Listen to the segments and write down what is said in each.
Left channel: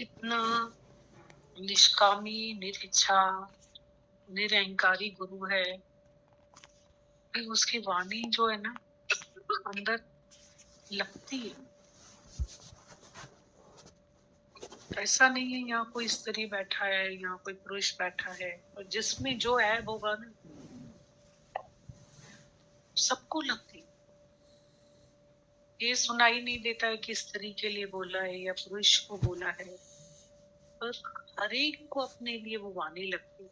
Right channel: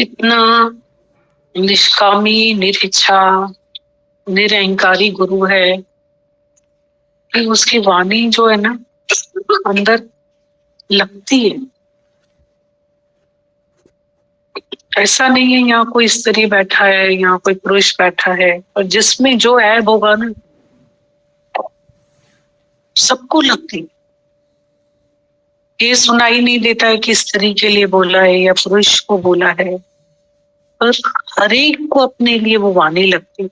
कितना निष्कामी, निरिच्छा, निरअहंकारी गुरु है कि उसकी वाणी जो है ना अंदर लगती है। ऐसा नहीं है यहाँ कोई स्त्री बैठा है, यहाँ कोई पुरुष बैठा है, और जिसमें जो ऐब होगा ना सबको लगती है। ये सुनाई नहीं देता है कि स्त्री के लिए बोला है या पुरुष को बोला है, पर हर एक को अपने लिए वो वाणी लगती है।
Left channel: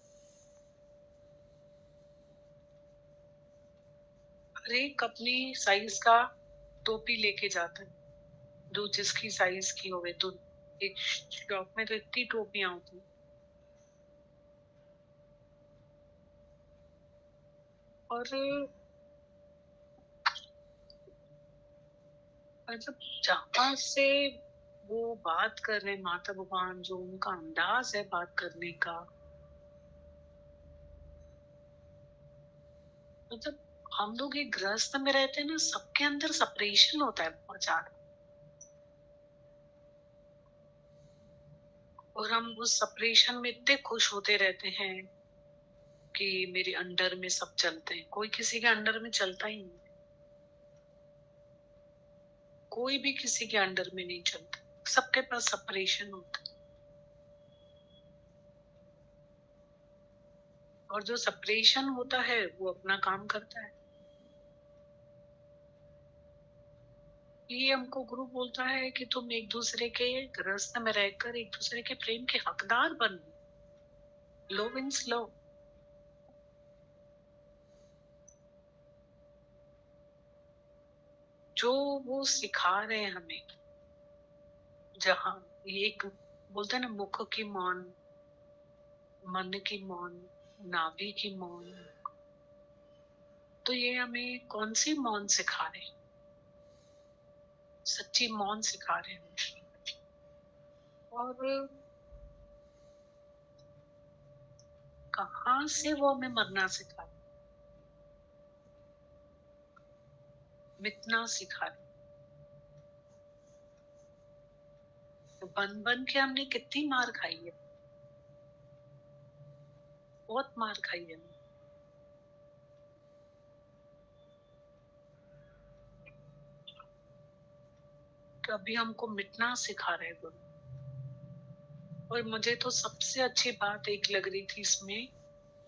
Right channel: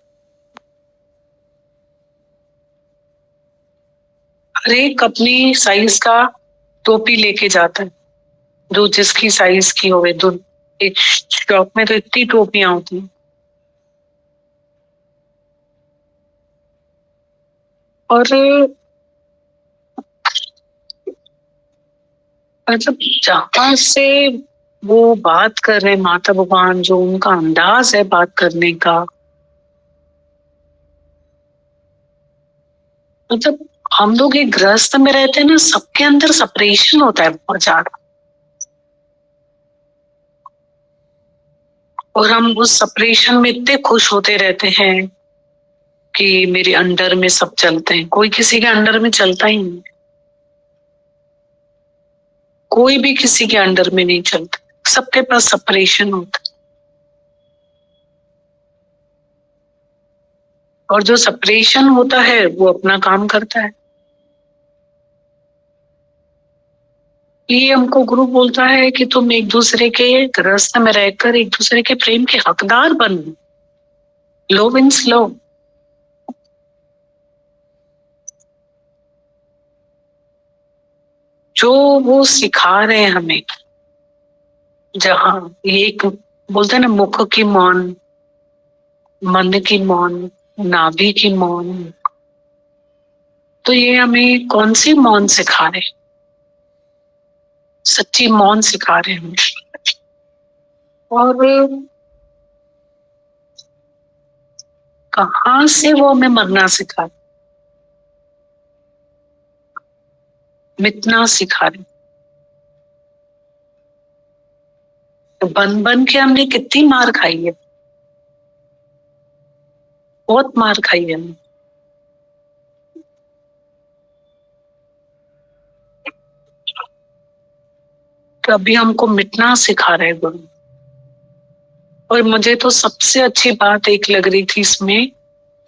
हर एक अपनी साइज का टोपी लेके जाता है, जो जिसकी साइज की होवे। एक शॉप में तो इतनी टोपियां होती हैं, और मतलब जहां से वो बात कर रहे हैं माता भगवान, जो उनका अंदाज है बात करने का, मतलब हम लोग एक गृहस्थ में रहते हैं ना, सबके अंदर सेपरेशन होता है बहुत ज्यादा, और हम उस सेपरेशन में इतने खुश होते रहते हैं कि मेरे अंडर में सब चलते हैं। कोई किसी के अंडर में चलता ही नहीं, कोई भी किसी के अंडर में नहीं चलता, सबके पास सेपरेशन होता है। और जो सेपरेशन होता है वो अपना काम करता है। ये हमको गुरु बोलता है कि तुम एक दूसरे के गृहस्थ में रहकर एक दूसरे के प्रेम के हकदार बनो। लो विंस लो। जो वो सिखा रहे हैं हमें, जहाँ ये एक बोलते हैं ना, मुख की मौन, मन की मौन, नाभि की मौन, तो ये हमें कौन सी मौन सिखा रहे हैं? सच्ची मौन सिखा रहे हैं हमें। और कहाँ से वो हमें मरना सिखा रहे, मिटना सिखा रहे। तो बन बन के हमने कितनी मार खाई है, बहुत मार खाई है हमने। तो अभी हमको मिटना सिखा रहे गुरु। और मुझे तो सबसे अच्छी बात एक लग रही थी इसमें,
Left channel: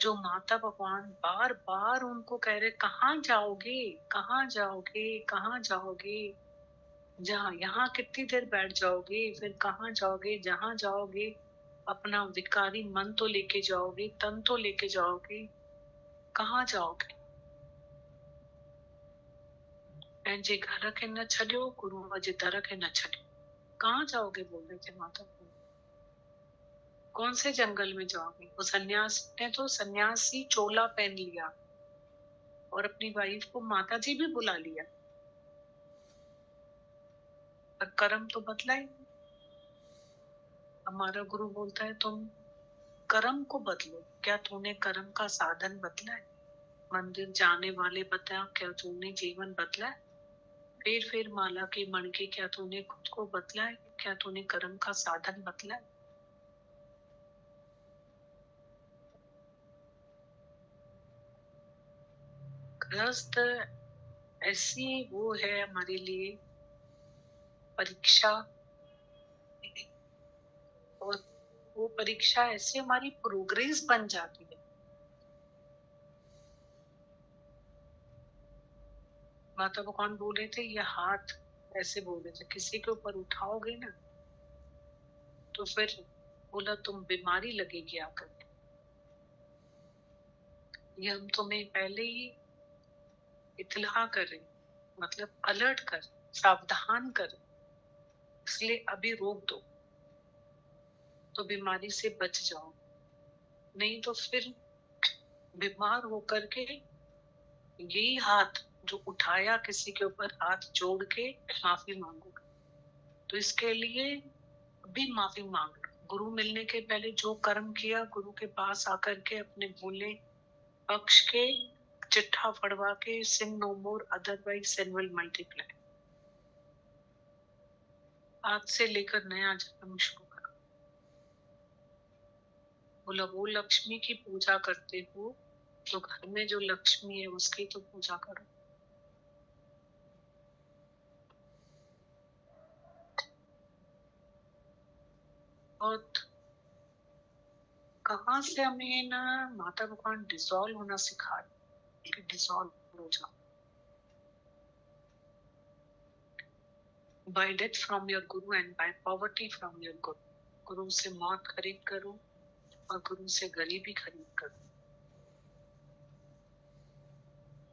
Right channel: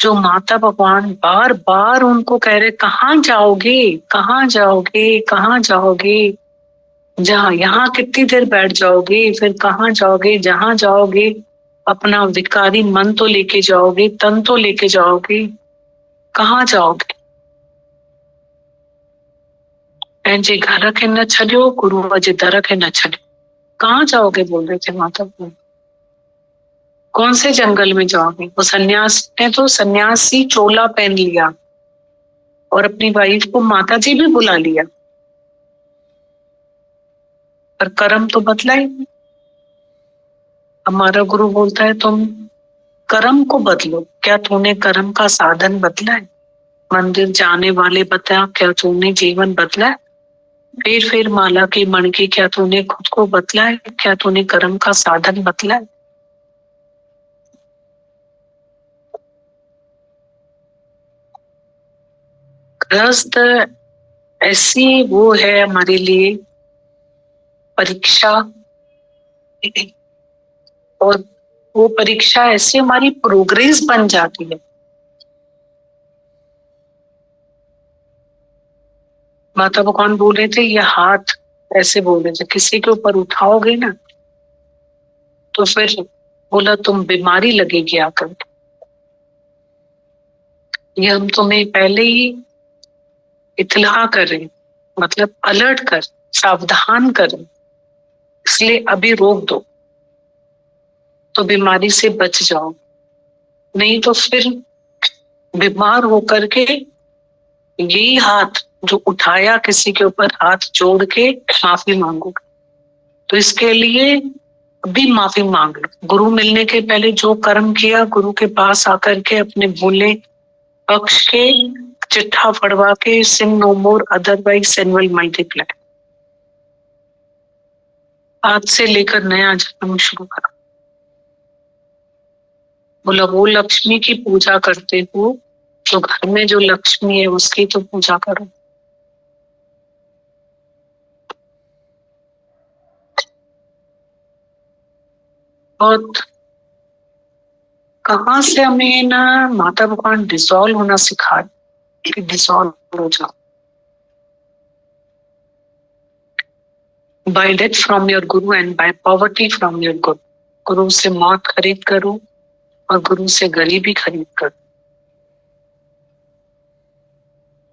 जो माता भगवान बार बार उनको कह रहे, कहाँ जाओगे, कहाँ जाओगे, कहाँ जाओगे, जहाँ यहाँ कितनी देर बैठ जाओगे, फिर कहाँ जाओगे, जहाँ जाओगे अपना विकारी मन तो लेके जाओगे, तन तो लेके जाओगे, कहाँ जाओगे? जे घर के न छो, गुरु अजे दर के न छो। कहाँ जाओगे बोल रहे थे माता भगवान, कौन से जंगल में जाओगे? वो सन्यास ने तो सन्यासी चोला पहन लिया और अपनी वाइफ को माता जी भी बुला लिया, पर कर्म तो बदला ही नहीं। हमारा गुरु बोलता है तुम कर्म को बदलो। क्या तूने कर्म का साधन बदला है? मंदिर जाने वाले बता, क्या तूने जीवन बदला है? फिर माला की मणकी, क्या तूने खुद को बदला है? क्या तूने कर्म का साधन बदला है? गृहस्थ ऐसी वो है हमारे लिए परीक्षा, और वो परीक्षा ऐसी हमारी प्रोग्रेस बन जाती है। माता भगवान बोल रहे थे, ये हाथ ऐसे बोल रहे थे, किसी के ऊपर उठाओगे ना तो फिर बोला तुम बीमारी लगेगी आकर। ये हम तुम्हें पहले ही इत्तला करें, मतलब अलर्ट कर, सावधान करें, इसलिए अभी रोक दो तो बीमारी से बच जाओ, नहीं तो फिर बीमार होकर के यही हाथ जो उठाया किसी के ऊपर हाथ जोड़ के माफी मांगोगे। तो इसके लिए अभी माफी मांग लो। गुरु मिलने के पहले जो कर्म किया, गुरु के पास आकर के अपने भूले पक्ष के चिट्ठा पढ़वा के, sin no more otherwise sin will multiply. आज से लेकर नया जन्म शुरू करो। बोला वो लक्ष्मी की पूजा करते हो तो घर में जो लक्ष्मी है उसकी तो पूजा करो। और कहाँ से हमें ना माता भगवान डिसॉल्व होना सिखा कि डिसॉल्व हो जाओ। By death from your guru and by poverty from your guru. गुरु से मौत खरीद करो और गुरु से गरीबी खरीद करो।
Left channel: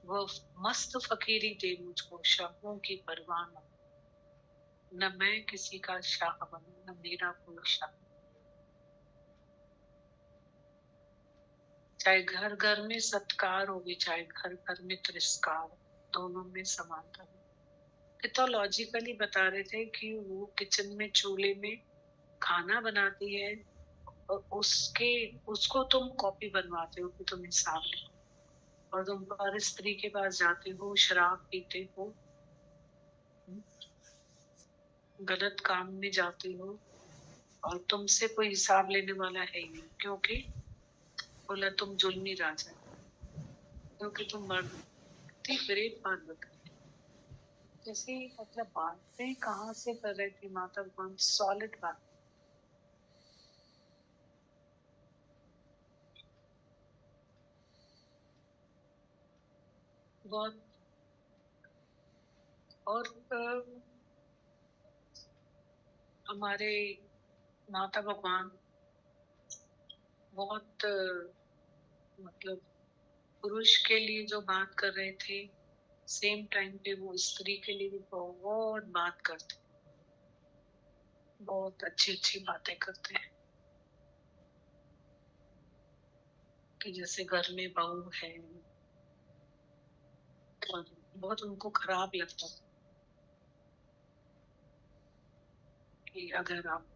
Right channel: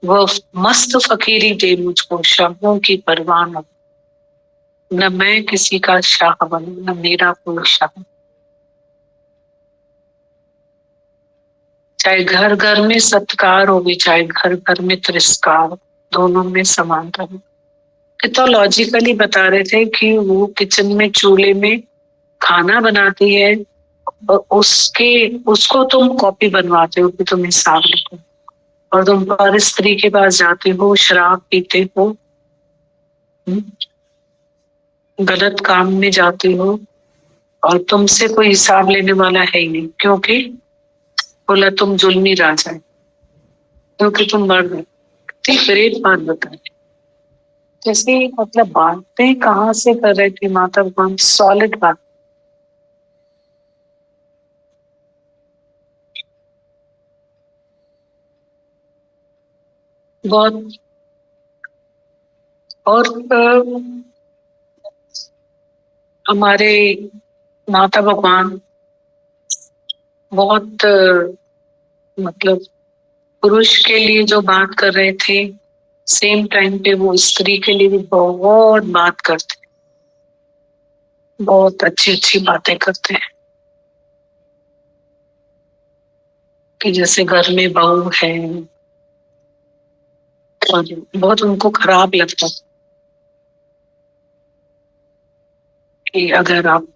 वह मस्त फकीरी दे मुझको, शब्दों की परवाह न। न मैं किसी का शाह बनूं, न मेरा कोई शाह। चाहे घर घर में सत्कार हो, चाहे घर घर में तिरस्कार, दोनों में समानता है। तो लॉजिकली बता रहे थे कि वो किचन में चूल्हे में खाना बनाती है और उसको तुम कॉपी बनवाते हो कि तुम हिसाब लिखो, और तुम पर स्त्री के पास जाते हो, शराब पीते हो, गलत काम में जाते हो, और तुमसे कोई हिसाब लेने वाला है ही नहीं। क्योंकि बोला तुम जुल्मी राजा है, क्योंकि तुम मर गए। ठीक ग्रेट बात बताई। जैसे मतलब बातें कहाँ से कर रहे थे माता भगवान, सॉलिड बात। बहुत। और हमारे माता भगवान बहुत मतलब पुरुष के लिए जो बात कर रहे थे, सेम टाइम पे वो स्त्री के लिए भी बहुत बात करते, बहुत अच्छी अच्छी बातें करते हैं। कि जैसे घर में बहू है और बहुत उनको खराब लगता कि अगर आप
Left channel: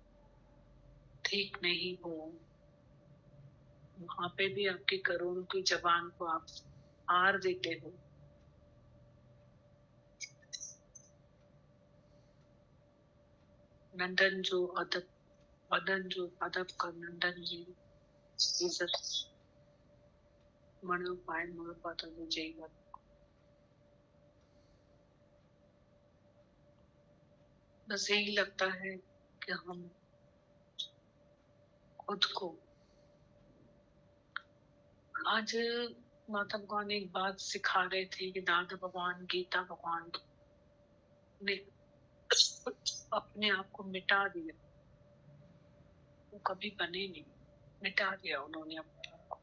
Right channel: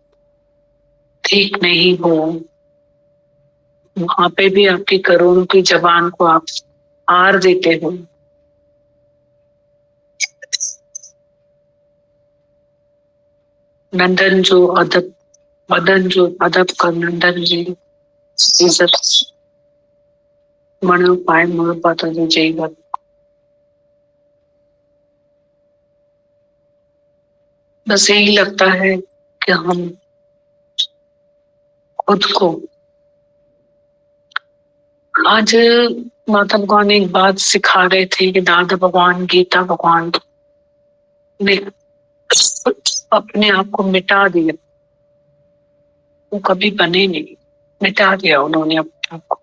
ठीक नहीं हो, वहां पे भी आपकी करोड़ों की जबान को आप हार देते हो। नंदन जो अदब, मदन जो अदब कर नंदन जी इज्जत मणु पाए मुड़ पाता जो जय बात। बस यही लगता है कि हम खुद को आज माता भगवान एक बात सिखा रहे थे कि दादा भगवान, गीता भगवान ने अपने आप को मिटा दिया। वो कभी बने नहीं, मिटा दिया उन्होंने अपने आप को।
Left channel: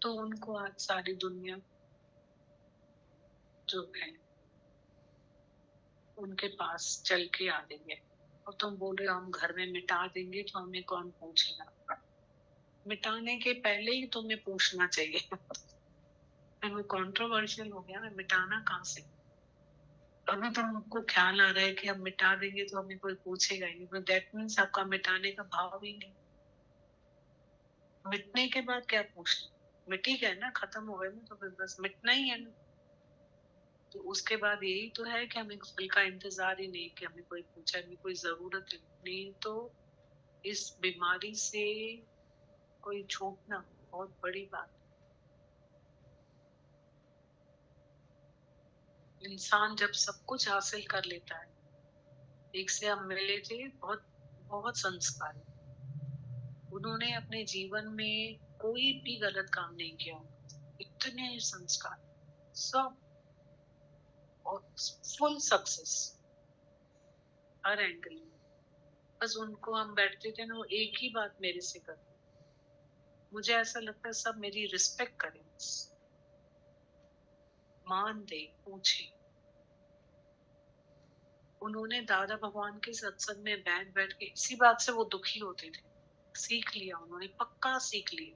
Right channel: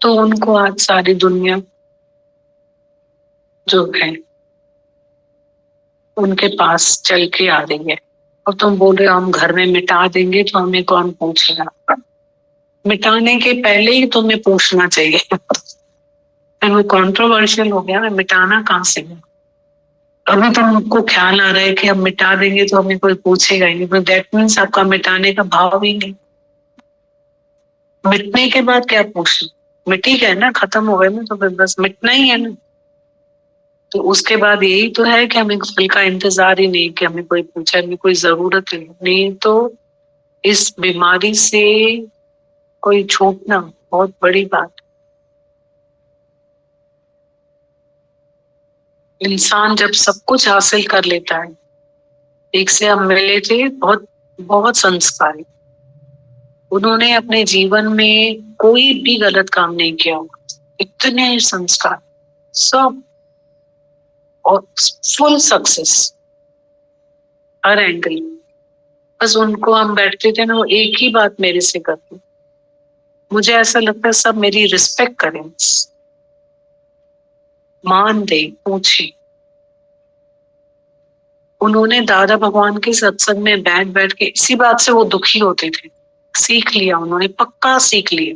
तो उनको आज सारी दुनिया जो है उनके पास चल के आ रही है। और तुम बोल रहे हो हम घर में मिटा देंगे तो हमें कौन पूछेगा। मिटाने के पहले ही तुम्हें पूछना चाहिए। वो कंट्रोवर्शियल हो गया, मिटाना कहाँ से है। अभी तो हमको ख्याल आ रहा है कि हम मिटा देंगे तो हमें कोई पूछेगा ही नहीं, तो दैट मीन्स आपका मिटाने का भाव ही नहीं। मिटने के बाद क्या पूछना, मिट ही गए ना, खत्म हो गए ना, तो फिर बस मिटना ही है ना। तो उसके बाद यही तो है कि हमें फल का इंतजार ही नहीं कि हमें कोई पूछे, हमें कोई जरूरत नहीं। तो इस बीमारी से कोई छूटना बहुत बड़ी बात। इंसान जब सब कुछ हासिल कर लेता है, एक से हम मिले थे बहुत बहुत संस्कारी, उन्होंने अपने जीवन में कोई भी गलत काम नहीं किया, इतने संस्कार सब, और फुल सक्सेस हर एंगल। बस उनको हम बैठते थे ना, वो एक ही बात मेरे से करते, मुझे ऐसा लगता है सब मेरी रिस्पेक्ट करें, मान दे, पूछे। उन्होंने दादा भगवान के सत्संग में बैठ बैठ के इसी बात से वो दुखी होते थे। सीख लिया उन्होंने, पक्का सीख लिया।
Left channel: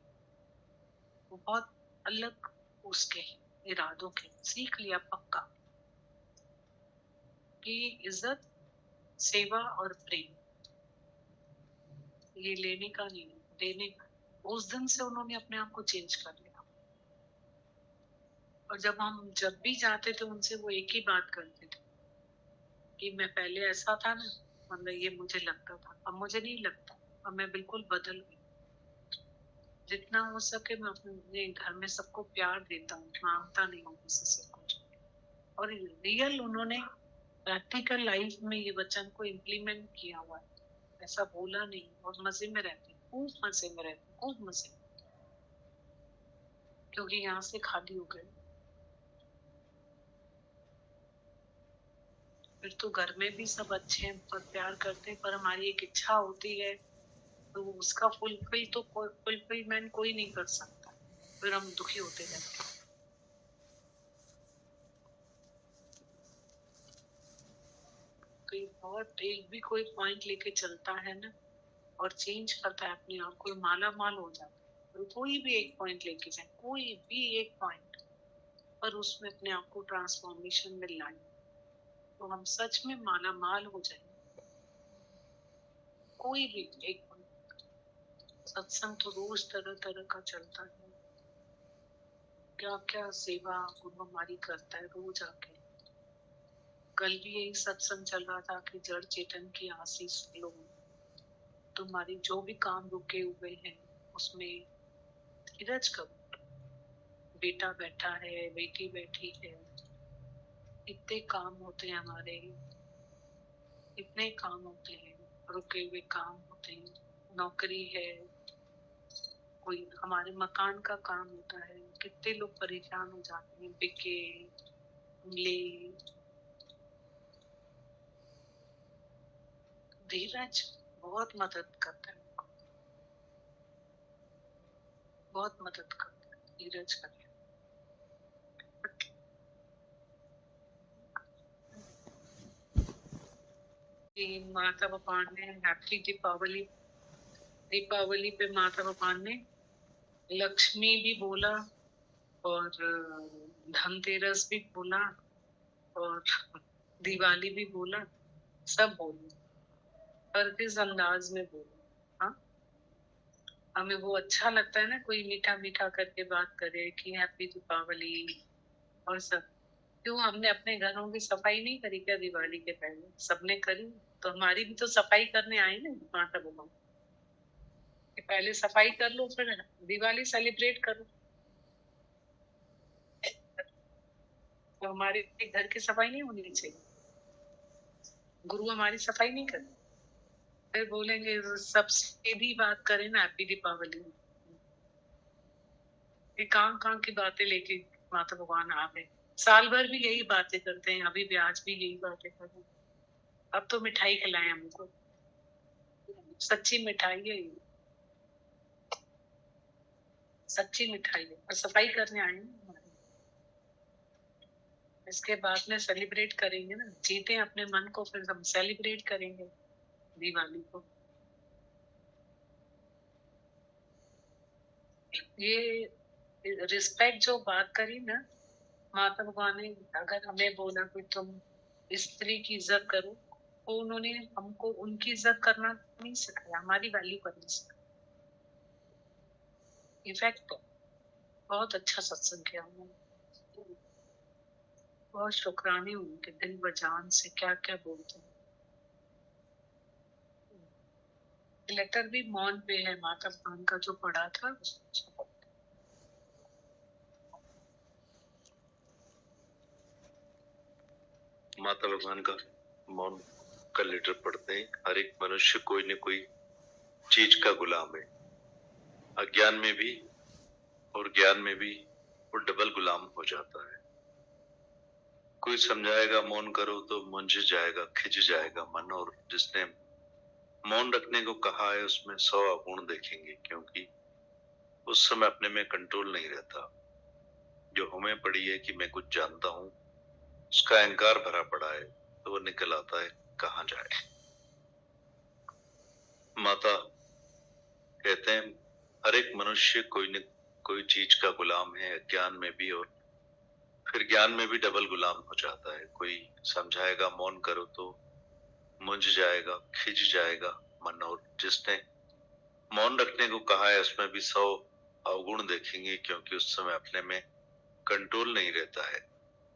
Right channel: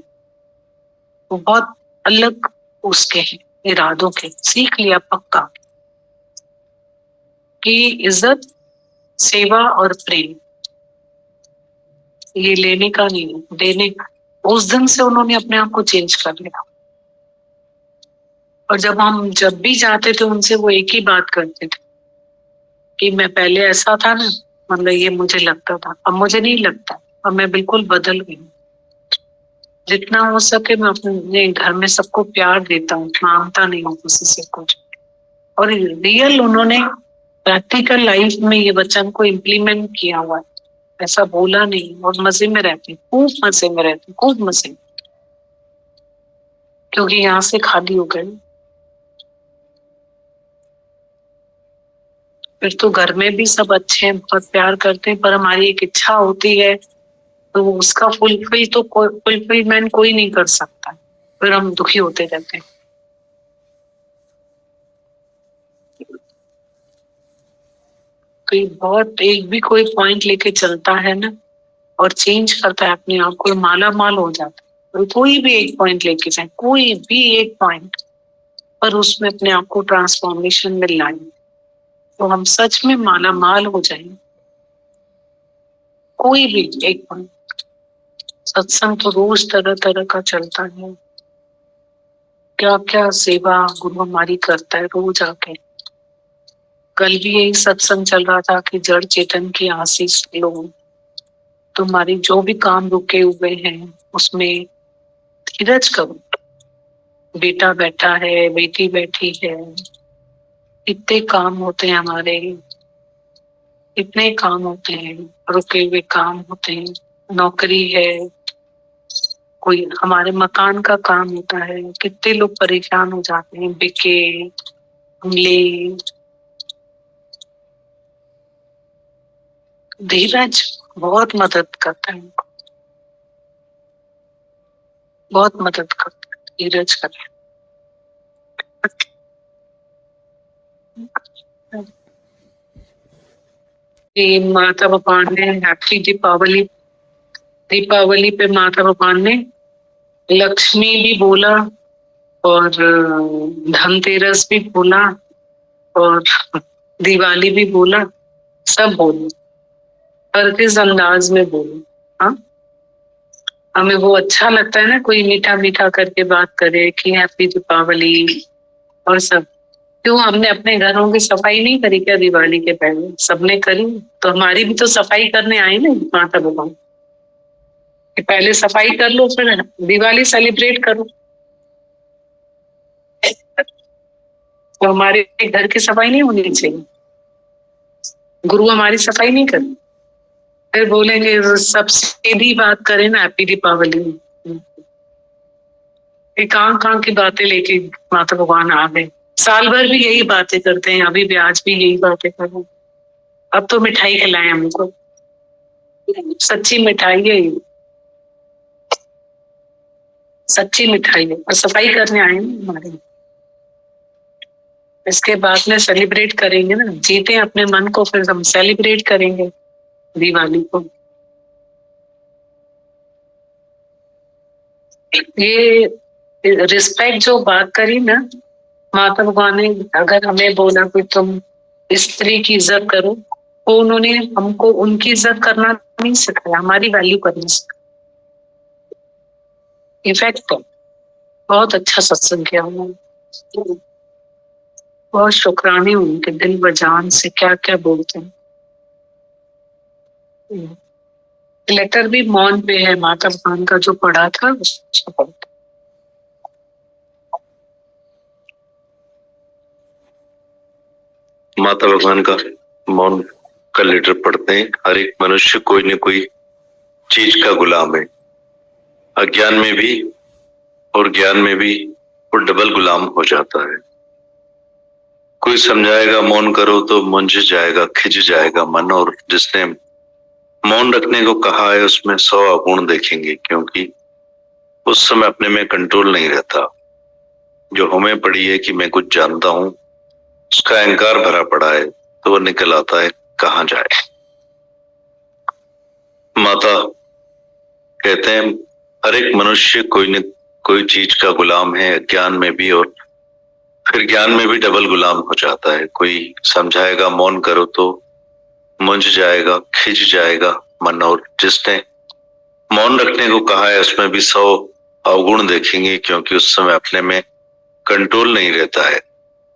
वो बहुत अलग उसके हैं इरादों के, सीख लिया पक्का कि इज्जत, सेवा और प्रेम ये लेने का नहीं, देने का। उस दिन से उन्होंने अपने आप को चेंज कर लिया। और जब भी जाते थे उनसे वो एक ही बात करते थे कि मैं पहले ऐसा था ना, मतलब ये मुझे लगता था, अब मुझे नहीं लगता, अब मैं बिल्कुल बदल गई। जितना हो सके मैं अपने घर में सबको प्यार देता हूँ, मांगता नहीं हूँ किसी से कुछ। और रियल उन्होंने प्रैक्टिकल लाइफ में ये वचन को इम्प्लीमेंट किया हुआ है, ऐसा बोला नहीं। और मजे में रहते, खूब मजे में रहते, खूब मजे, क्योंकि यहाँ से खाली हो गए। फिर तो घर में भी सब अच्छे हैं, बहुत प्यार करते हैं, पर हमारी एक इच्छा होती है तो उसका फुलफिलमेंट कोई नहीं कर सकता, फिर हम दुखी होते रहते हैं। कोई बहुत एक भी कोई पॉइंट लेके चलता है ना और चेंज करता है अपने आप को, माला माल हो जाता है। कोई भी एक पॉइंट लेके जाए, कोई भी एक पॉइंट, पर उसमें अपने आप को ट्रांसफॉर्मेशन में लाए तो हम सच में माला माल हो जाएंगे। कोई भी एक पॉइंट। सत्संग तो रोज तरह तरह का चलता है, क्या क्या सेवा गुरु हमारी करता है रोज आके। कल भी यही सत्संग चल रहा था कि जड़ चेतन की आशीष लो, तुम्हारी जो भी काम रुके हुए हैं उसमें धीरज करो। बेटा बैठा है, बेटी बैठी है, इतने काम होते हैं हमारे, इतने काम होते हैं, रुके हुए काम होते हैं, नौकरी है, कोई हमारे मकान का काम होता है, कितने लोग परेशान हो जाते हैं, बिके ले। धीरज बहुत मदद करता है, बहुत मदद करता है धीरज करता है। माता भगवान ने हैप्पी दीपावली, दीपावली पे माता भगवान ने लक्ष्मी भी बोला और धनतेरस भी बोला और दिवाली भी बोला, सब बोले, पर किस अंदाज में बोले। हाँ, हमें वो अच्छा लगता है ना, कोई मीठा मीठा करके बात करे कि हैप्पी दीपावली और सब। क्यों हमने अपने घरों की सफाई नहीं करी क्या दिवाली के पहले? सबने करी, तो हमारी भी तो सफाई करने आई ना माता भगवान कि पहले सफाई कर लो फिर दिवाली सेलिब्रेट करो। तो हमारे घर की सफाई नहीं होनी चाहिए? गुरु हमारी सफाई नहीं करे, फिर बोलेंगे सब सीधी बात करें ना हैप्पी दीपावली। कहाँ कहाँ की बातें लेके माता भगवान आ गए। साल भर भी यही बातें करते हैं, अभी भी आज भी यही बातें कर रहे हैं। अब तो मिठाई खिलाएं हमको, सच्ची मिठाई है ये, सच्ची मिठाई है, और सफाई करने आए हैं हमारे। इसके बाद में सेलिब्रेट करेंगे ना, जीते अपने मन को, फिर हम सेलिब्रेट करेंगे दिवाली को। ये रिस्पेक्ट जो बात करी ना माता भगवान ने, अगर हमें बोला कि तुम स्त्री की इज्जत करो, तो उन्होंने हमको उनकी इज्जत करना नहीं सिखाया, हमारी वैल्यू करनी सिखाया। इफेक्ट बहुत अच्छा सत्संग किया उन्होंने, बहुत शुक्राने उनके दिल व जान से, क्या क्या बोलते हैं। लेटर भी मौन पे है माता भगवान का, जो पढ़ा था उसको पढ़ा। माता भगवान का मौन का लेटर पढ़ते हैं। हर एक मनुष्य कोई न कोई चीज का गुलाम है, अज्ञान में भी और ज्ञान में भी वो डबल गुलाम हो जाता है। कोई समझाएगा मौन करो तो मुंझ जाएगा, खिंच जाएगा मन, और जिसने मौन रखने को कहा है उसमें 100 अवगुण देखेंगे, क्योंकि उस समय अपने में कंट्रोल नहीं रहता। जो हमें पड़ी है कि मैं कुछ जानता हूं, उसका अहंकार भरा पड़ा है, तो वो निकल आता है कहां जाए। माता कहते हैं हर एक मनुष्य कोई न कोई चीज का गुलाम है, अज्ञान में भी और फिर ज्ञान में भी डबल गुलाम हो जाता है। कोई समझाएगा मौन करो तो मुंझ जाएगा, खिंच जाएगा मन, और जिसने मौन रखने को कहा है उसमें भी 100 अवगुण देखेंगे, क्योंकि उस समय अपने में कंट्रोल नहीं रहता है।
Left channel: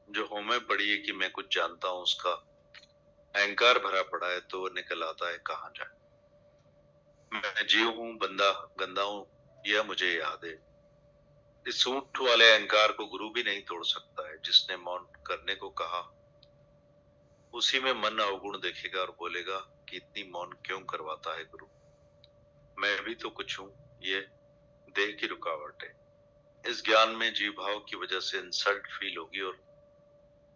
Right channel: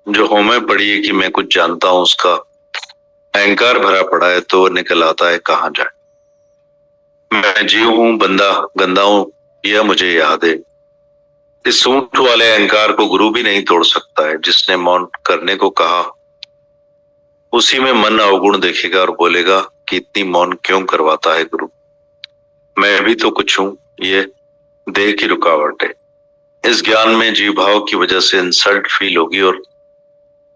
जो हमें पड़ी है कि मैं कुछ जानता हूं, उसका अहंकार भरा पड़ा है, तो वो निकल आता है कहां जाए। मैं जीव हूं, बंदा गंदा हूं, यह मुझे याद है। इस ऊंट वाले अहंकार को गुरु भी नहीं तोड़ सकता है। जिसने मौन करने को कहा उसी में मन अवगुण देखेगा और बोलेगा कि इतनी मौन क्यों करवाता है गुरु, मैं भी तो कुछ हूं, ये देह की रुकावट है। इस ज्ञान में जीव भाव की वजह से इंसल्ट फील होगी और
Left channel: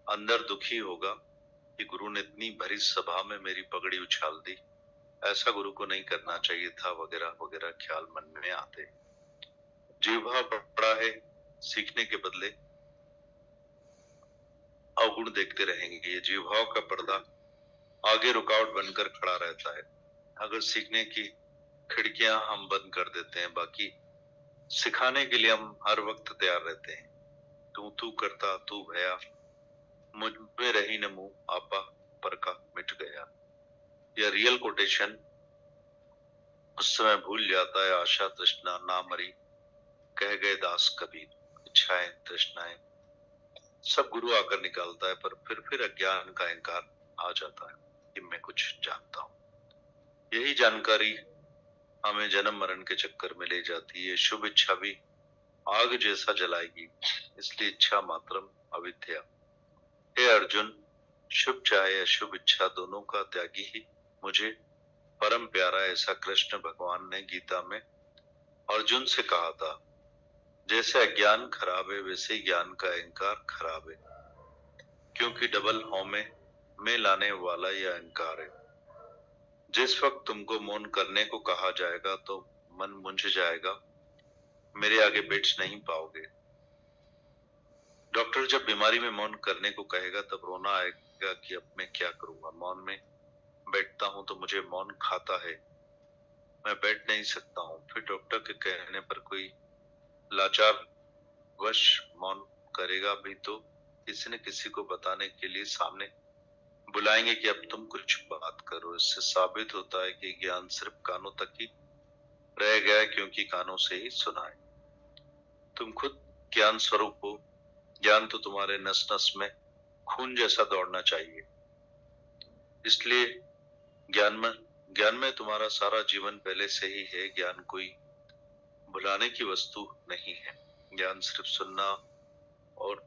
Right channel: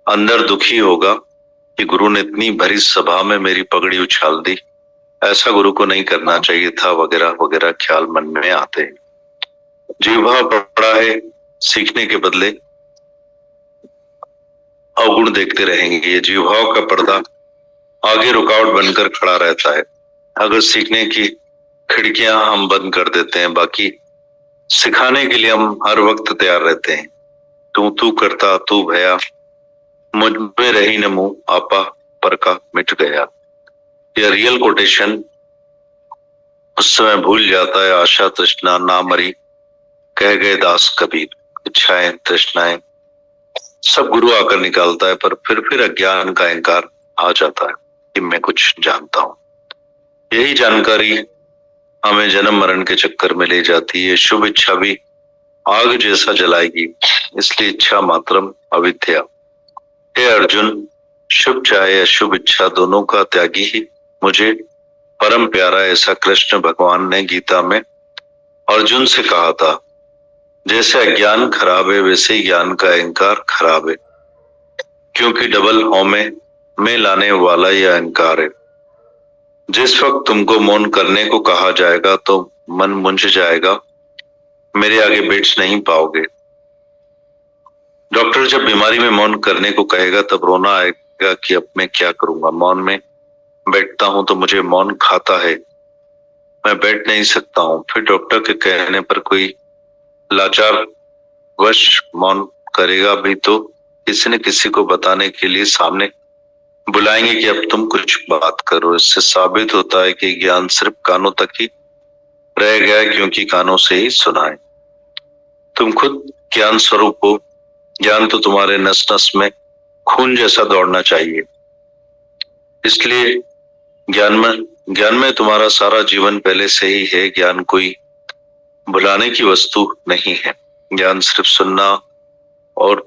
अंदर दुखी होगा कि गुरु ने इतनी भरी सभा में मेरी पगड़ी उछाल दी, ऐसा गुरु को नहीं करना चाहिए था, वगैरह वगैरह ख्याल मन में आते हैं। जीव भाव पड़ा है, सीखने के बदले अवगुण देखते रहेंगे। ये जीव भाव का पर्दा आगे रुकावट बनकर खड़ा रहता है। अगर सीखने की खिड़कियां हम बंद कर देते हैं, बाकी सिखाने के लिए हम हर वक्त तैयार रहते हैं। तू करता तू भया, मुझ में रही न मुंह, आपा पर का मिट गया। यह रियल कोटेशन उस समय भूल जाता है। आशा तृष्णा ना मरी, कह गए दास कबीर, इच्छाएं तृष्णाएं सब गुरु आकर निकालता है। पर फिर अज्ञान का अहंकार आ जाता है कि मैं कुछ जानता हूं। यही जानकारी हमें जन्म मरण के चक्कर में ले जाती है। शुभ इच्छा भी आग जैसा जलाएगी, इसलिए इच्छा मात्रम अविद्या। हे अर्जुन, शुभ चाहे अशुभ इच्छा दोनों का त्यागी ही मुझे परम प्यारा, ऐसा कृष्ण भगवान ने गीता में अर्जुन से कहा था। जैसे अज्ञान खराब है वैसे ही ज्ञान का अहंकार खराब है, क्योंकि डबल हौमे में लाने वाला यह अहंकार है। जिस वक्त तुमको मौन करने को कहा जाएगा तो मन मुंझ जाएगा, मेरे आगे बैठ नहीं पाओगे। डॉक्टर जब बीमारी में मौन करने को कहेगा तब रोना आएगा कि अब मैं क्या करूंगा। मौन में बैठता हूं तो मुझे मौन खाता है, मैं बैठ नहीं सकता हूं। फिर डॉक्टर के कहने पर कोई लाचार वश मौन करेगा भी तो किसी न किसी को बताने के लिए सामने बुलाएंगे कि अब तुम कुछ बात करो। इससे साबित होता है कि ज्ञान सिर्फ कानों तक ही रह गया है, क्योंकि कानों से ही सुना है। तुम खुद ज्ञान स्वरूप हो। ज्ञान तो तुम्हारे नस नस में खून जैसा दौड़ना चाहिए। इसलिए ज्ञान में तुम्हारा सारा जीवन पहले से ही है। ज्ञान कोई बुलाने की वस्तु नहीं है। ज्ञान सिर्फ सुनना और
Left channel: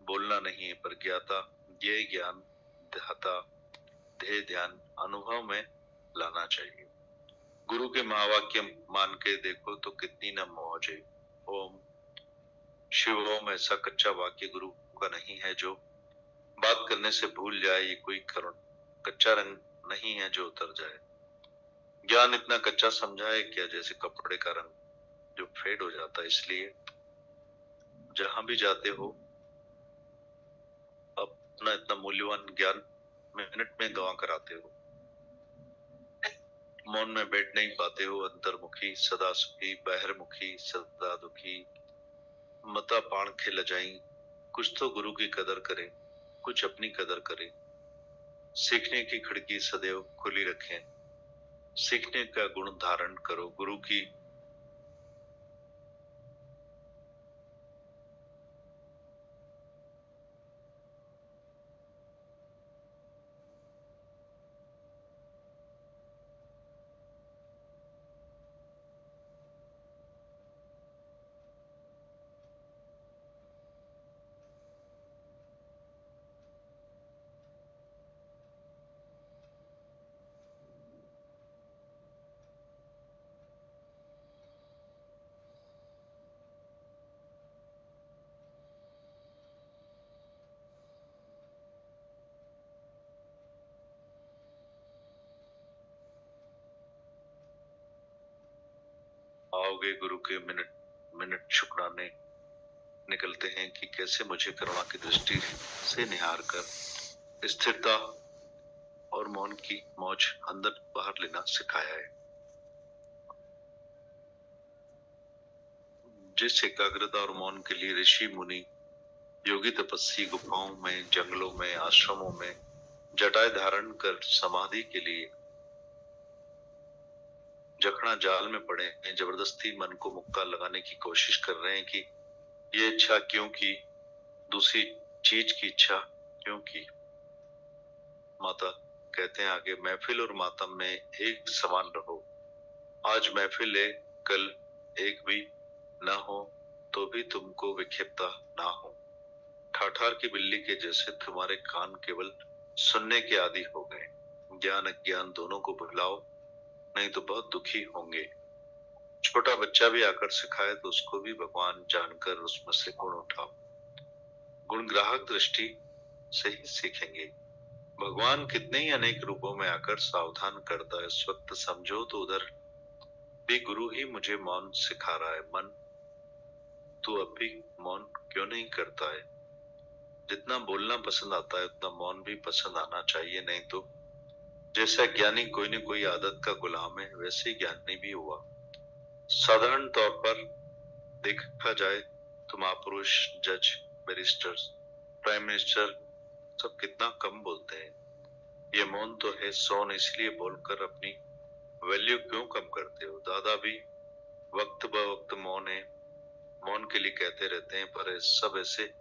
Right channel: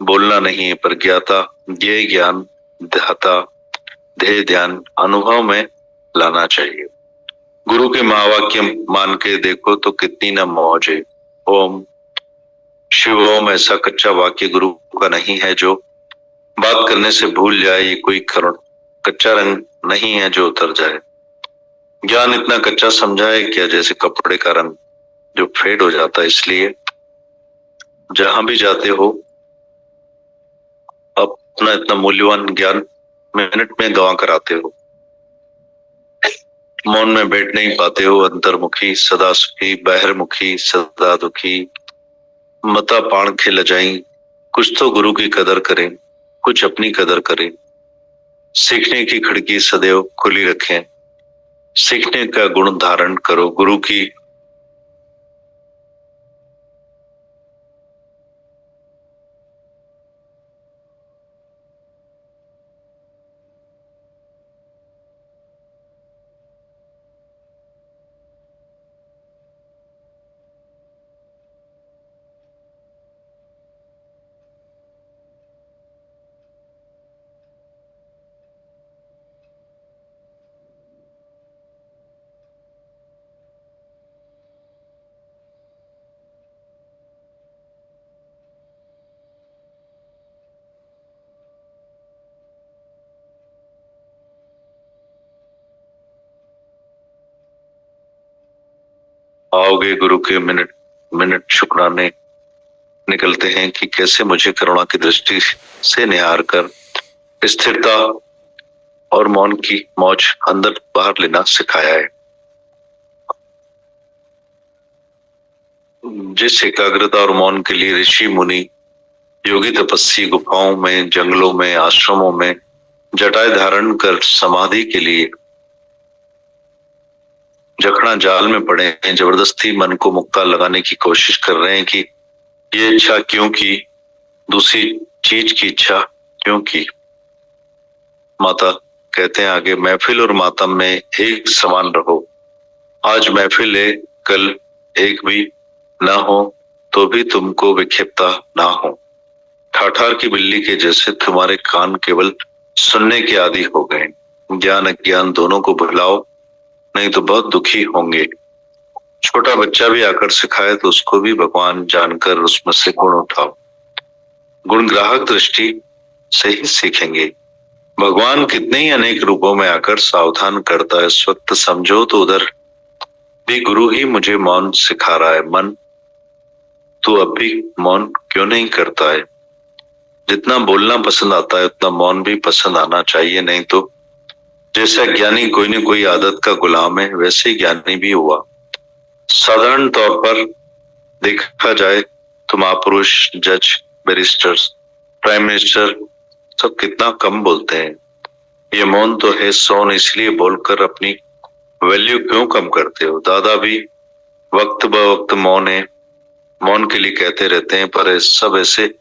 बोलना नहीं है, पर ज्ञाता ये ज्ञान ध्याता ध्येय ध्यान अनुभव में लाना चाहिए। गुरु के महावाक्य मान के देखो तो कितनी न मौज है। ओम शिव ओम ऐसा कच्चा वाक्य गुरु का नहीं है जो बात करने से भूल जाए। ये कोई कच्चा रंग नहीं है जो उतर जाए। ज्ञान इतना कच्चा समझा है क्या, जैसे कपड़े का रंग जो फेड हो जाता है। इसलिए जहां भी जाते हो अपना इतना मूल्यवान ज्ञान मिनट में गंवा कर आते हो। मौन में बैठ नहीं पाते हो। अंतर्मुखी सदा सुखी, बहिर्मुखी सदा दुखी, मता पाण खेल जाई। कुछ तो गुरु की कदर करें, कुछ अपनी कदर करें। सीखने की खिड़की सदैव खुली रखें। सीखने का गुण धारण करो। गुरु की आओगे गुरु के मिनट मिनट शुक्राने निकलते हैं कि कैसे मुझे करुणा की दृष्टि से निहार कर स्थिरता और मौन की मौज अंदर बाहर लेना सिखाया है। जिस एकाग्रता और मौन के लिए ऋषि मुनि योगी तपस्वी गुफाओं में, जंगलों में, आश्रमों में जटाएं धारण कर समाधि के लिए जखना जाल में पड़े हैं, जबरदस्ती मन को मुक्का लगाने की कोशिश कर रहे हैं कि ये इच्छा क्यों की, दूसरी चीज की इच्छा क्यों की। माता कहते हैं आगे, महफिल और मातम में एक समान रहो। आज महफिल है, कल एक भी ना हो तो भी तुमको विक्षिप्तता ना हो। ठाठार की बिल्ली के जैसे तुम्हारे कान केवल सुनने के आदी हो गए। ज्ञान अज्ञान दोनों को भुलाओ, नहीं तो बहुत दुखी होंगे। छोटा बच्चा भी आकर सिखाए तो उसको भी भगवान जानकर उसमें से गुण उठाओ। गुण ग्राहक दृष्टि से ही सीखेंगे। भगवान कितने ही अनेक रूपों में आकर सावधान करता है। इस वक्त समझो तो उधर भी गुरु ही मुझे मौन सिखा रहा है। मन तू अब भी मौन क्यों नहीं करता है? जितना बोलना पसंद आता है उतना मौन भी पसंद आना चाहिए, नहीं तो जैसा ज्ञानी कोई न कोई आदत का गुलाम है, वैसे ही ज्ञानी भी हुआ। साधारण तौर पर देखा जाए तो महापुरुष, जज, बैरिस्टर्स, प्राइम मिनिस्टर सब कितना कम बोलते हैं। ये मौन तो है सोन, इसलिए बोलकर अपनी वैल्यू क्यों कम करते हो? दादा भी वक्त ब वक्त मौन है, मौन के लिए कहते रहते हैं, पर सब ऐसे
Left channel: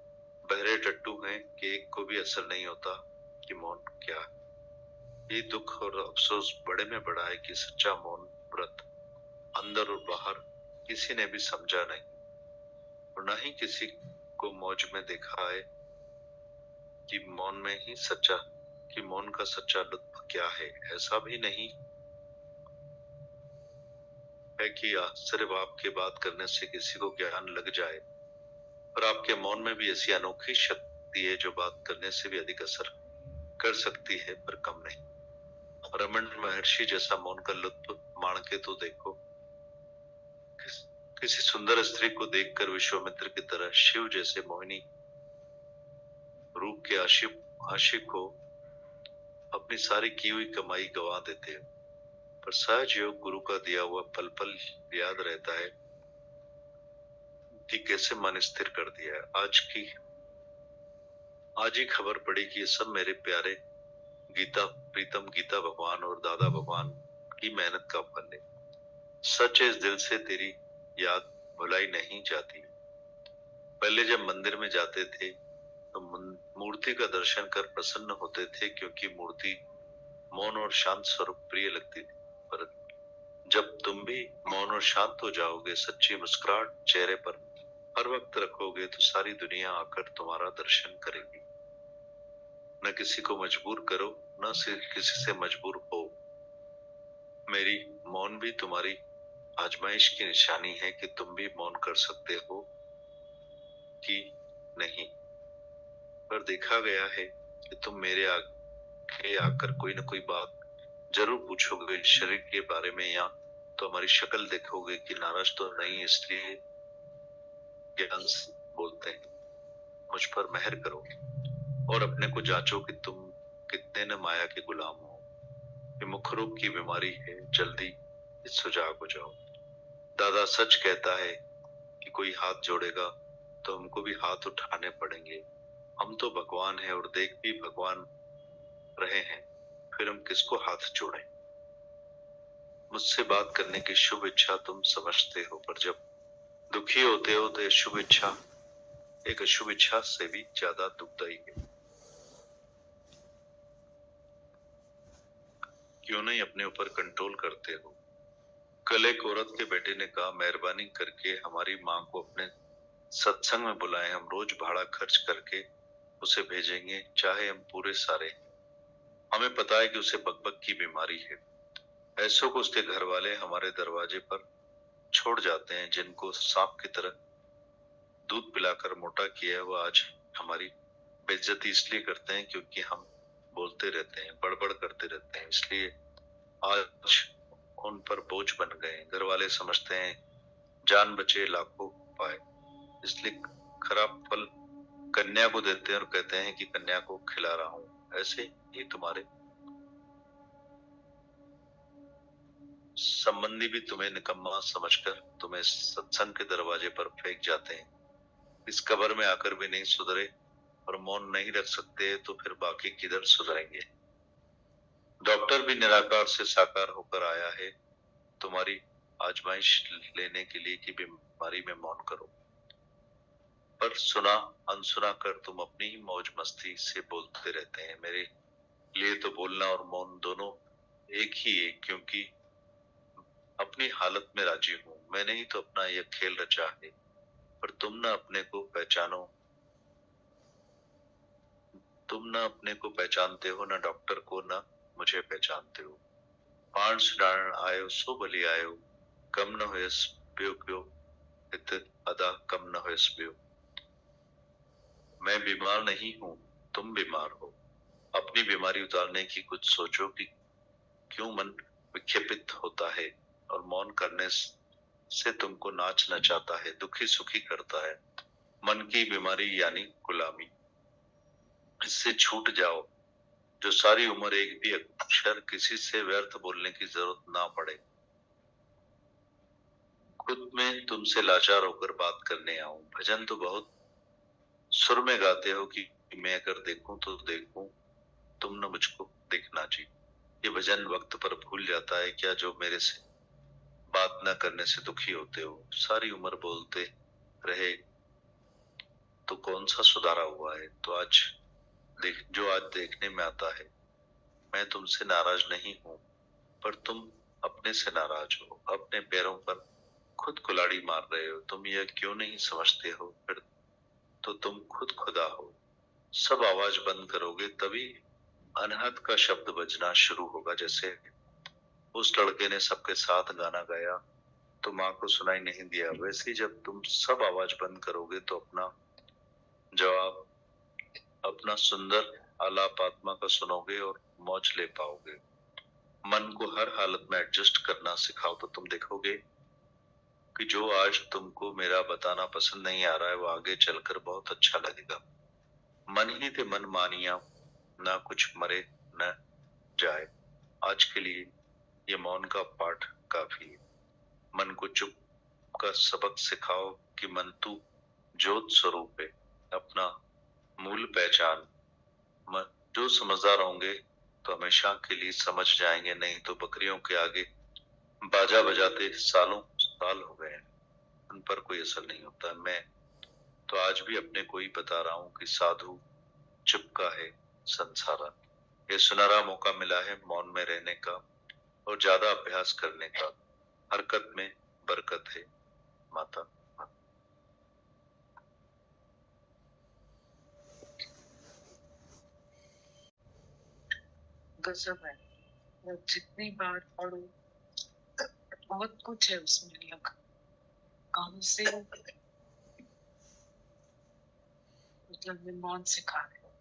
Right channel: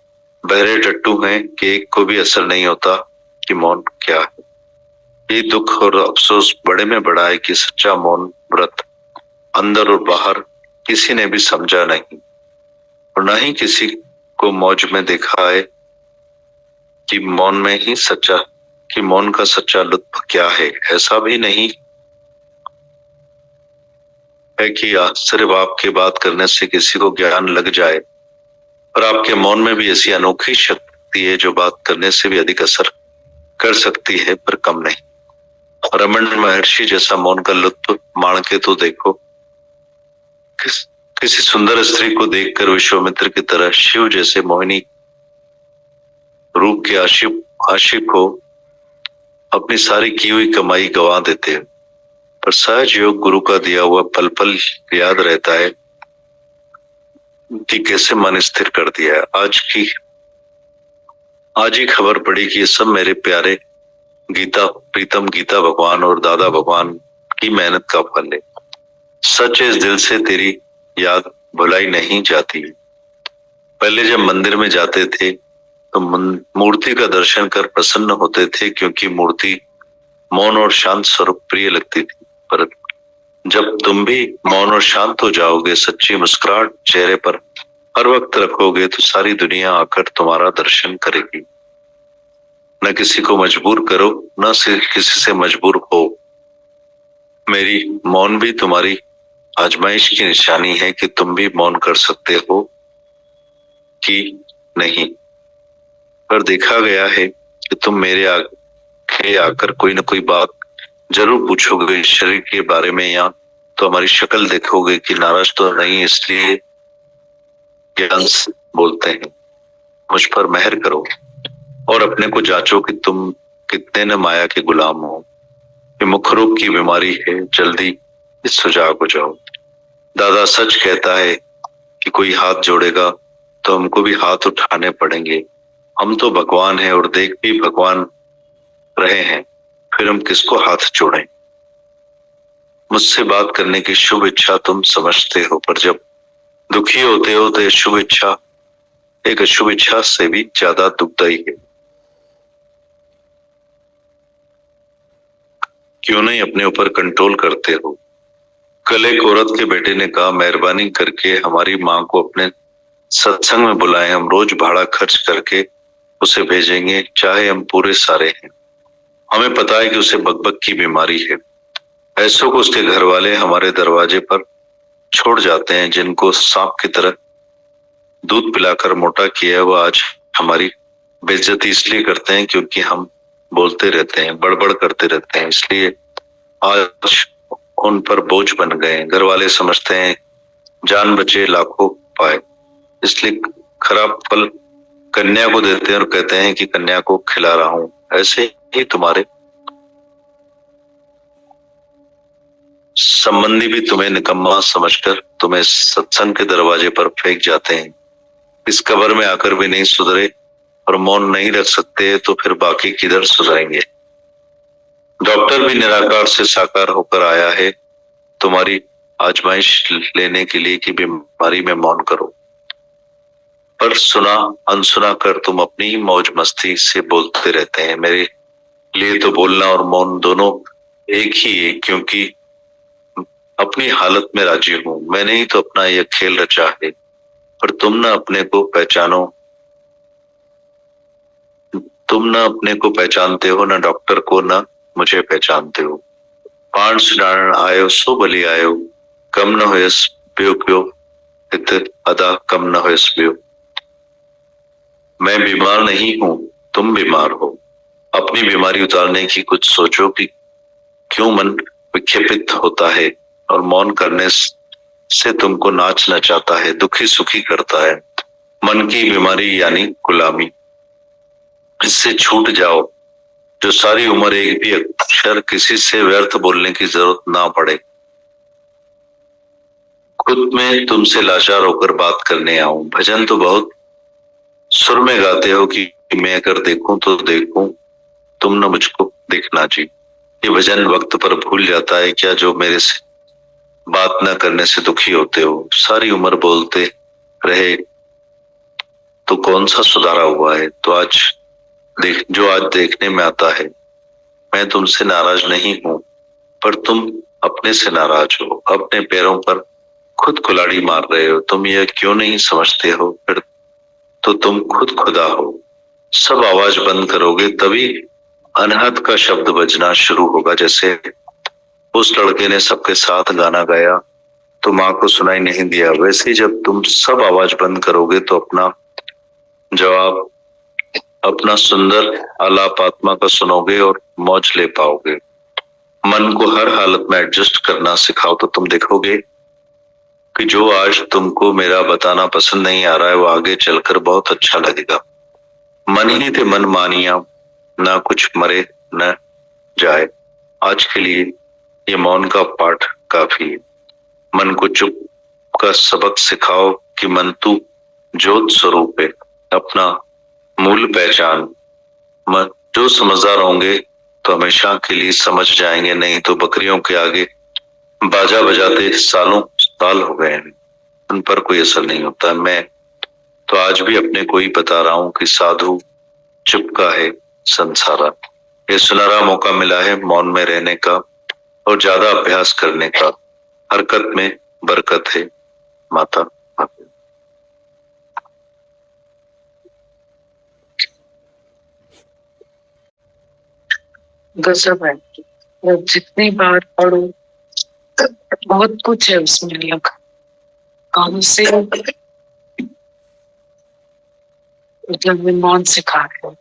बहरे टट्टू हैं कि एक को भी असर नहीं होता कि मौन क्या है। ये दुख और अफसोस बड़े में बड़ा है कि सच्चा मौन व्रत अंदर और बाहर किसी ने भी समझा नहीं, और न ही किसी को मौज में देखा है कि मौन में ही सच्चा, कि मौन का सच्चा लुत्फ क्या है। ऐसा भी नहीं है कि सिर्फ आपके बात करने से किसी को ज्ञान लग जाए, पर आपके मौन में भी ऐसी अनोखी शक्ति है जो बात करने से भी अधिक असर कर सकती है, पर कम नहीं। रमन महर्षि जैसा मौन का लुत्फ माण के तो देखो। किसी सुंदर स्त्री को देखकर विश्वामित्र की तरह शिव जैसे मोहिनी रूप के आशिक को अपनी सारी की हुई कमाई गंवा देते हैं, पर सहज योग गुरु का दिया हुआ पल पल याद रहता है कि कैसे मन स्थिर कर दिया है। आज ही खबर पड़ी कि ये सब मेरे प्यारे प्रीतम गीता भगवान और दादा भगवान की मेहनत का फल है। सच इस दिल से तेरी याद भुलाई नहीं जाती। पहले जब मंदिर में जाते थे तो मूर्ति का दर्शन कर प्रसन्न होते थे, क्योंकि मूर्ति मौन और शांत स्वरूप प्रिय लगती थी। पर जब तुम भी मौन और शांत हो जाओगे, सच्ची मुस्कुराहट चेहरे पर हर वक्त रखोगे, तो सारी दुनिया आकर तुम्हारा दर्शन करेगी। न किसी को मजबूर करो, न सिर्फ किसी से मजबूर हो। मेरी मौन भी तुम्हारी आजमाइश की निशानी है कि तुम भी मौन कर सकते हो कि नहीं। पर देखा गया है कि तुम मेरे आगे आकर कोई न कोई बात जरूर पूछोगे शरीर के बारे में, या तो हमारी शक्ल देखोगे कि नाराज तो नहीं, इसलिए ज्ञान से बोलते हैं। मुझ पर मेहर करो और अपने को जांचो कि तुम कितने न माया के गुलाम हो। ये मुख रोग की बीमारी है, जल्दी इस सुजाग हो जाओ। दादा सच कहता है कि कोई हाथ जोड़ेगा तो हमको भी हाथ उठाने पड़ेंगे। हम तो भगवान हैं और देख भी भगवान रहे हैं, फिर हम किसको हाथ जोड़ें? मुझसे बात करने की शुभ इच्छा तुम समझते हो, पर जब दुखी होते हो तो ये शुभ इच्छा एक अशुभ इच्छा से भी ज्यादा दुखदायी है। क्यों नहीं अपने ऊपर कंट्रोल करते हो? कल एक औरत के बेटे ने कहा, मेहरबानी करके हमारी माँ को अपने सत्संग में बुलाएं, हम रोज भाड़ा खर्च करके उसे भेजेंगे, चाहे हम पूरे सारे हैं। हमें पता है कि उसे बकबक की बीमारी है। ऐसों को उसके घर वाले हमारे दरवाजे पर छोड़ जाते हैं। जिनको सांप की तरह दूध पिलाकर मोटा किया है, वो आज हमारी बेइज्जती इसलिए करते हैं क्योंकि हम बोलते रहते हैं, बड़बड़ करते रहते हैं, इसलिए आज उन पर बोझ बन गए। घर वाले समझते हैं जान बचे लाखों पाए, इसलिए खराब फल कन्या को देते हैं और कहते हैं कि कन्या को खिला रहा हूं। ऐसे ही तुम्हारे संबंधी भी तुम्हें निकम्मा समझकर तुम्हें सत्संग के दरवाजे पर फेंक जाते हैं। इस कब्र में आकर भी नहीं सुधरे और मौन नहीं रख सकते, तो फिर बाकी किधर सुधरेंगे? डॉक्टर भी निराकार से साकार होकर आया है तुम्हारी आजमाइश लेने के लिए कि बीमारी में मौन करो, पर सुना अनसुना कर तुम अपनी ही मौज मस्ती से बोलते रहते हैं। मेरे लिए तो बोलना और मौन दोनों एक ही है, क्योंकि अपनी हालत में राजी हूँ। मैंने ही तो अपना यह खेल रचा है, पर तुम न अपने को पहचानो, तुम न अपने को पहचानते हो, न डॉक्टर को, न मुझे पहचानते हो। पांच डारण आयो सो बलि आयो, कम न होयस ब्यो क्यों, इत अदा कम न होयस ब्यो। मैं बीमार नहीं हूँ, तुम बीमार हो। अपनी बीमारी उतारने की कुछ सोचो कि क्यों मन विक्षेपित होता है और मौन करने से तुमको नाच नचाता है, दुखी सुखी करता है। मन की बीमारी यानी गुलामी, इससे छूट जाओ, जो सारी उम्र एक भी अक्षर किसी से व्यर्थ बोलने की जरूरत ना पड़े। खुद में तुमसे लाचार होकर बात करने आऊं। भजन तो बहुत सुर में गाते हो कि मैं अगर देखूं तो देखूं, तुम न मुझको देखना जी। ये भजन वक्त पर भूल जाता है क्या, जो मेरे से बात न करने से दुखी होते हो। सारी उम्र बोलते रहे तो कौन सा सुधारा हुआ है। तो आज देखने में आता है। मैं तुमसे नाराज नहीं हूं, पर तुम अपने से नाराज हो। अपने पैरों पर खुद कुल्हाड़ी मार रहे हो। तुम यह क्यों नहीं समझते हो, फिर तो तुम खुद खुदा हो। सब आवाज बंद करोगे तभी अनहद का शब्द बजना शुरू होगा। जैसे उस लड़के ने सबके साथ गाना गाया तो माँ को सुनाई नहीं दिया, वैसे ही जब तुम सब आवाज बंद करोगे तो अपना जवाब, अपना सुंदर आलाप आत्मा का सुनोगे और मौज ले पाओगे। मन को हर हालत में एडजस्ट करना सिखाओ तो तुम देखोगे कि जो आज तुमको मेरा बताना पसंद नहीं आ रहा है, वो आगे चलकर बहुत अच्छा लगेगा। मन ही थे मन मानिया, ना कुछ मरे न जाए। आज के लिए ये मौन का पाठ काफी है। मन को चुप का सबक सिखाओ कि मन तू ज्योत स्वरूप है, अपना मूल पहचान। मन जो समझदार होंगे तो हमेशा के लिए समझ जाएंगे, नहीं तो बकरियों के आगे बाजा बजाते सालों साल हो गए हैं, उन पर कोई असर नहीं होता। मैं तो आज भी अपने को ही बता रहा हूँ कि साधु चुप का है संसारा। ये सुनहरा मौका मिला है मौन में रहने का और ज्यादा अभ्यास करने का। हरकत में बरकत है माता। गजब है। जब जितनी बार पढ़ो बहुत कुछ है उसमें अलग। कौन से मतलब मौन सिखा रहे हो।